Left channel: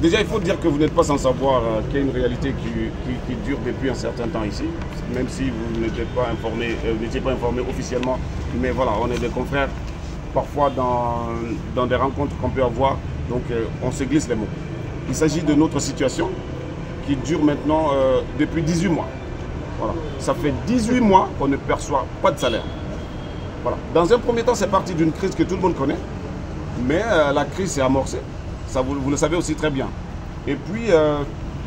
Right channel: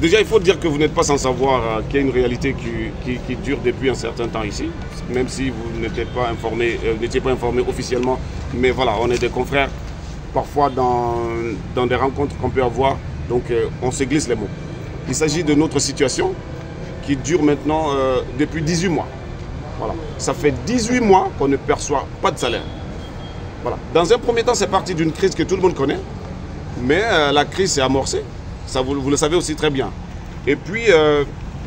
Déjà, il faut dire que vous n'êtes pas sans savoir qu'il y a une réalité qui dure depuis un certain temps ici, même si vous n'étiez pas informé officiellement. Mais voilà, on est des confrères, parfois dans des rencontres qu'on peut avoir, donc on se glisse les mots. Il s'agit de notre situation qui dure maintenant depuis 18 mois. Voilà. Ça fait 18 mois qu'on ne perçoit pas de salaire. Voilà. Dans un premier temps, c'est parti d'une crise que tout le monde connaît, mais la crise s'est amorcée. Ça, vous le savez aussi très bien. Et puis,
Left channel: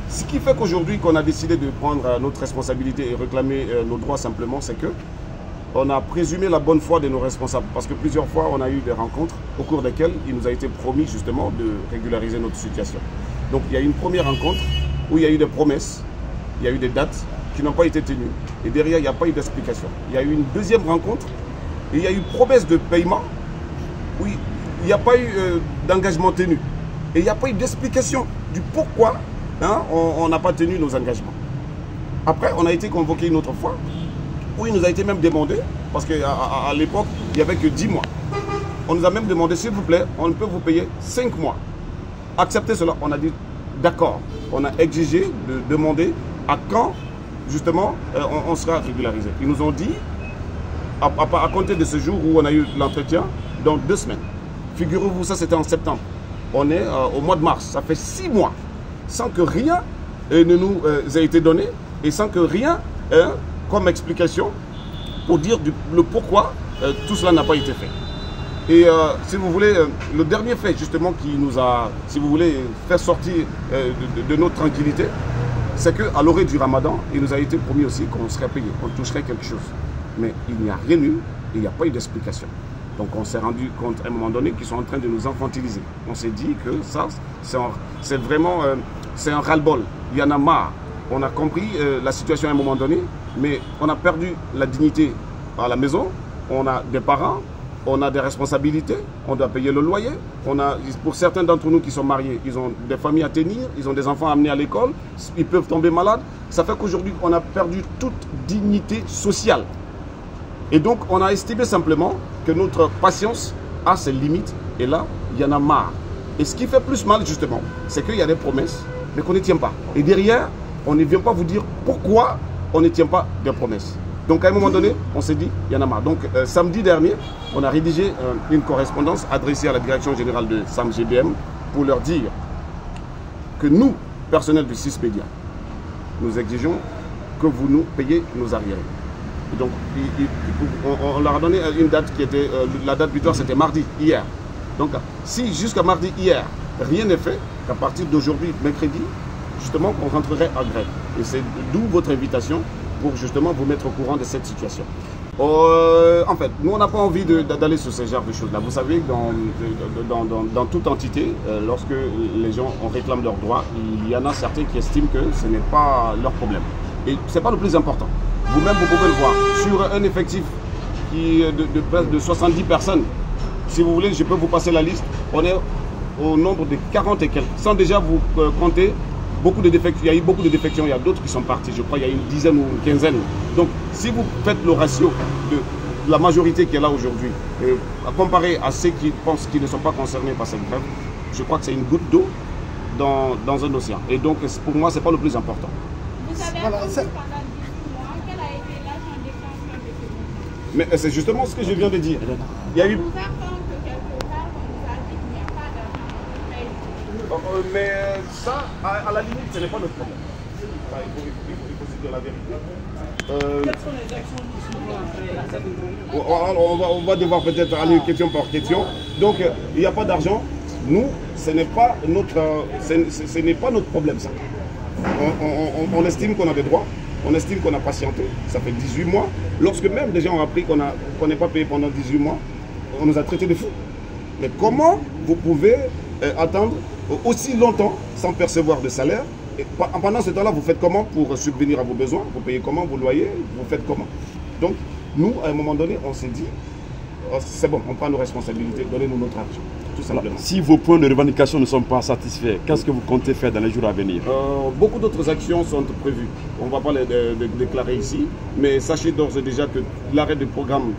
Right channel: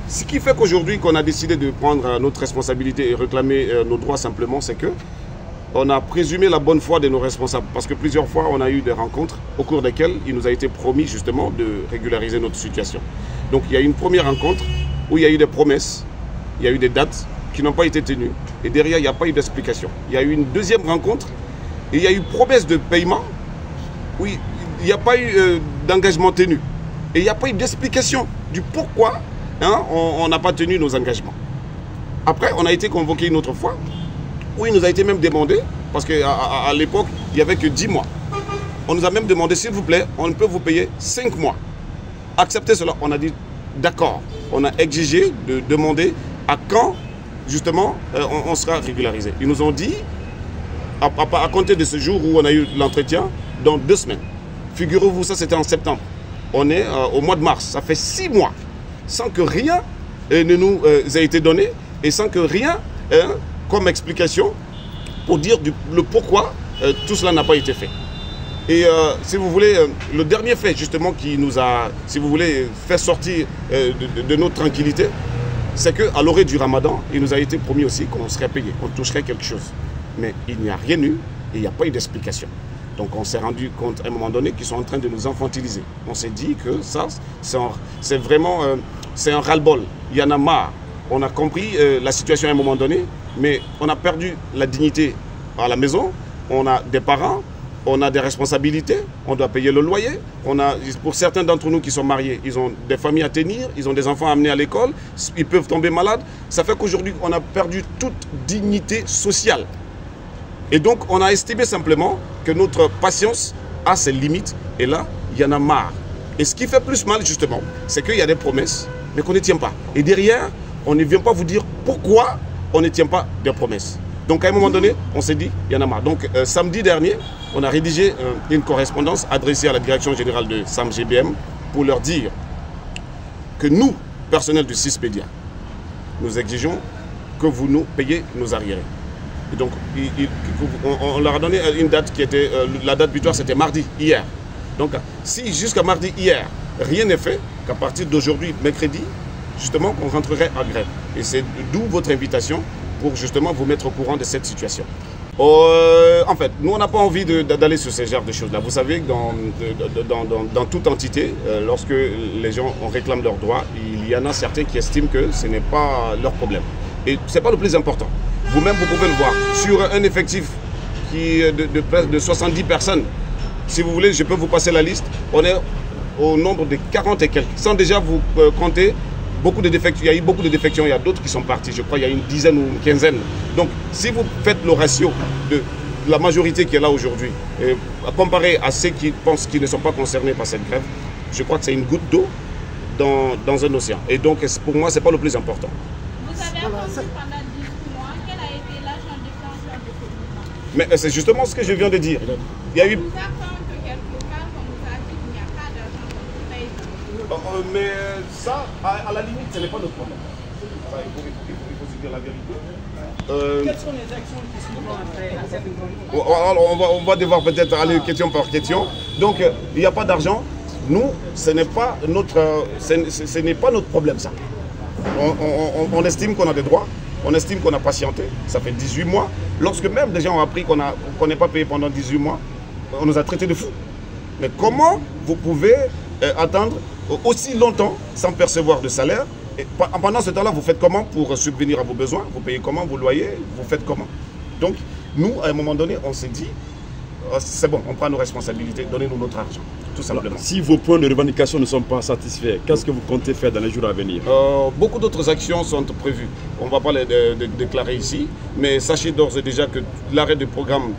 ce qui fait qu'aujourd'hui, qu'on a décidé de prendre notre responsabilité et réclamer nos droits simplement, c'est que on a présumé la bonne foi de nos responsables. Parce que plusieurs fois, on a eu des rencontres au cours desquelles il nous a été promis justement de régulariser notre situation. Donc, il y a eu une première rencontre où il y a eu des promesses, il y a eu des dates qui n'ont pas été tenues. Et derrière, il n'y a pas eu d'explication. Il y a eu une deuxième rencontre et il y a eu promesse de paiement où il n'y a pas eu d'engagement tenu. Et il n'y a pas eu d'explication du pourquoi on n'a pas tenu nos engagements. Après, on a été convoqué une autre fois, où il nous a été même demandé, parce qu'à l'époque, il n'y avait que 10 mois. On nous a même demandé, s'il vous plaît, on peut vous payer 5 mois. Acceptez cela. On a dit, d'accord. On a exigé de demander à quand, justement, on sera régularisé. Ils nous ont dit, à compter de ce jour où on a eu l'entretien, dans 2 semaines. Figurez-vous, ça c'était en septembre. On est au mois de mars, ça fait 6 mois, sans que rien ne nous ait été donné et sans que rien comme explication pour dire le pourquoi tout cela n'a pas été fait. Et si vous voulez, le dernier fait justement qui nous a, si vous voulez, fait sortir de notre tranquillité, c'est qu'à l'orée du Ramadan, il nous a été promis aussi qu'on serait payé, qu'on toucherait quelque chose. Mais il n'y a rien eu et il n'y a pas eu d'explication. Donc on s'est rendu compte à un moment donné qu'ils sont en train de nous infantiliser. On s'est dit que ça, c'est vraiment c'est un ras-le-bol. Il y en a marre. On a compris la situation à un moment donné, mais on a perdu la dignité à la maison. On a des parents, on a des responsabilités, on doit payer le loyer. Pour certains d'entre nous qui sont mariés, ils ont des familles à tenir, ils ont des enfants à amener à l'école, ils peuvent tomber malades. Ça fait qu'aujourd'hui, on a perdu toute dignité sociale. Et donc, on a estimé simplement que notre patience a ses limites. Et là, il y en a marre. Et ce qui fait plus mal, justement, c'est qu'il y a des promesses, mais qu'on ne tient pas. Et derrière, on ne vient pas vous dire pourquoi on ne tient pas des promesses. Donc, à un moment donné, on s'est dit, il y en a marre. Donc, samedi dernier, on a rédigé une correspondance adressée à la direction générale de SAM-GBM pour leur dire que nous, personnel du CISPEDIA, nous exigeons que vous nous payiez nos arriérés. Donc, on leur a donné une date qui était, la date butoir c'était mardi, hier. Donc, si jusqu'à mardi, hier, rien n'est fait, qu'à partir d'aujourd'hui, mercredi, justement, on rentrerait en grève. Et c'est d'où votre invitation pour justement vous mettre au courant de cette situation. En fait, nous, on n'a pas envie d'aller sur ce genre de choses-là. Vous savez, dans toute entité, lorsque les gens réclament leurs droits, il y en a certains qui estiment que ce n'est pas leur problème. Et ce n'est pas le plus important. Vous-même, vous pouvez le voir. Sur un effectif qui est de 70 personnes, si vous voulez, je peux vous passer la liste. On est au nombre de 40 et quelques. Sans déjà vous compter beaucoup de défections. Il y a eu beaucoup de défections. Il y a d'autres qui sont partis. Je crois qu'il y a une dizaine ou une quinzaine. Donc, si vous faites le ratio de la majorité qui est là aujourd'hui, comparé à ceux qui pensent qu'ils ne sont pas concernés par cette grève, je crois que c'est une goutte d'eau dans un océan. Et donc, pour moi, ce n'est pas le plus important. Vous avez attendu pendant 18 mois. Quel a été l'agent déclencheur de ce mouvement? Mais c'est justement ce que je viens de dire. Il y a eu... On nous apprend que quelque part, on nous a dit qu'il n'y a pas d'argent. Mais ça, à la limite, ce n'est pas notre problème. Il faut se dire la vérité. Quelles sont les actions qui seront après à cette on va devoir peut-être aller question par question. Donc, il n'y a pas d'argent. Nous, ce n'est pas notre problème, ça. On estime qu'on a des droits, on estime qu'on a patienté, ça fait 18 mois. Lorsque même des gens ont appris qu'on n'est pas payé pendant 18 mois, on nous a traités de fous. Mais comment vous pouvez attendre aussi longtemps sans percevoir de salaire? Et pendant ce temps-là, vous faites comment pour subvenir à vos besoins? Vous payez comment vos loyers? Vous faites comment? Donc, nous, à un moment donné, on s'est dit, c'est bon, on prend nos responsabilités, donnez-nous notre argent, tout simplement. Alors, si vos points de revendication ne sont pas satisfaits, qu'est-ce que vous comptez faire dans les jours à venir? Beaucoup d'autres actions sont prévues. On ne va pas les déclarer ici, mais sachez d'ores et déjà que l'arrêt du programme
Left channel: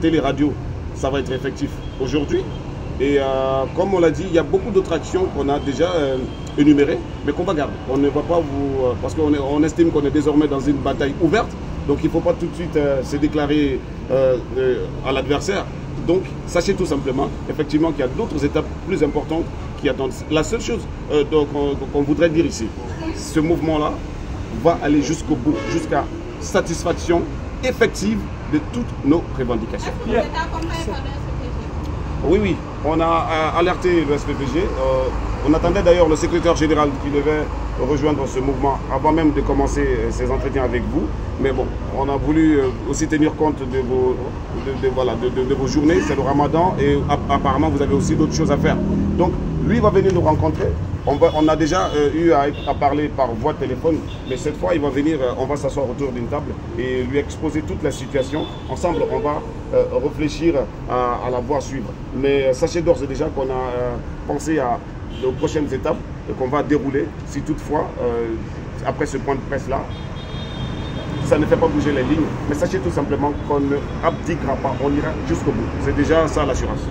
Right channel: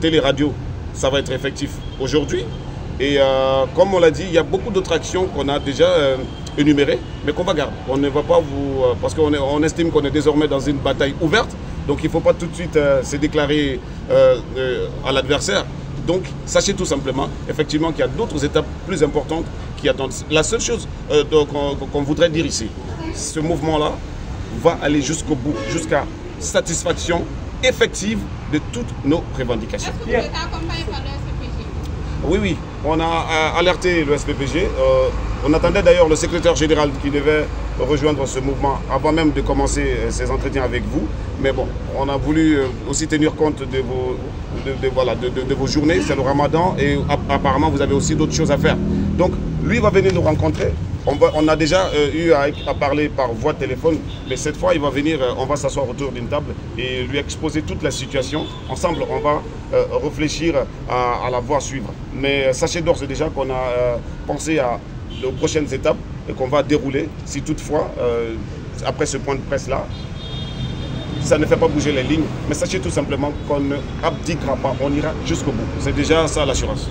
télé-radio, ça va être effectif aujourd'hui. Et comme on l'a dit, il y a beaucoup d'autres actions qu'on a déjà énumérées, mais qu'on va garder. On ne va pas vous... parce qu'on estime qu'on est désormais dans une bataille ouverte, donc il ne faut pas tout de suite se déclarer à l'adversaire. Donc, sachez tout simplement, effectivement, qu'il y a d'autres étapes plus importantes qui attendent. La seule chose qu'on voudrait dire ici, ce mouvement-là va aller jusqu'au bout, jusqu'à satisfaction effective de toutes nos revendications. Est-ce que vous êtes accompagné par le SPPG? Oui, oui, on a alerté le SPPG. On attendait d'ailleurs le secrétaire général qui devait rejoindre ce mouvement avant même de commencer ces entretiens avec vous. Mais bon, on a voulu aussi tenir compte de vos journées, c'est le ramadan, et apparemment vous avez aussi d'autres choses à faire. Donc lui va venir nous rencontrer. On a déjà eu à parler par voie de téléphone, mais cette fois il va venir, on va s'asseoir autour d'une table et lui exposer toute la situation. Ensemble, on va réfléchir à la voie à suivre. Mais sachez d'ores et déjà qu'on a pensé aux prochaines étapes qu'on va dérouler si toutefois, après ce point de presse-là, ça ne fait pas bouger les lignes. Mais sachez tout simplement qu'on ne abdiquera pas, on ira jusqu'au bout. C'est déjà ça l'assurance.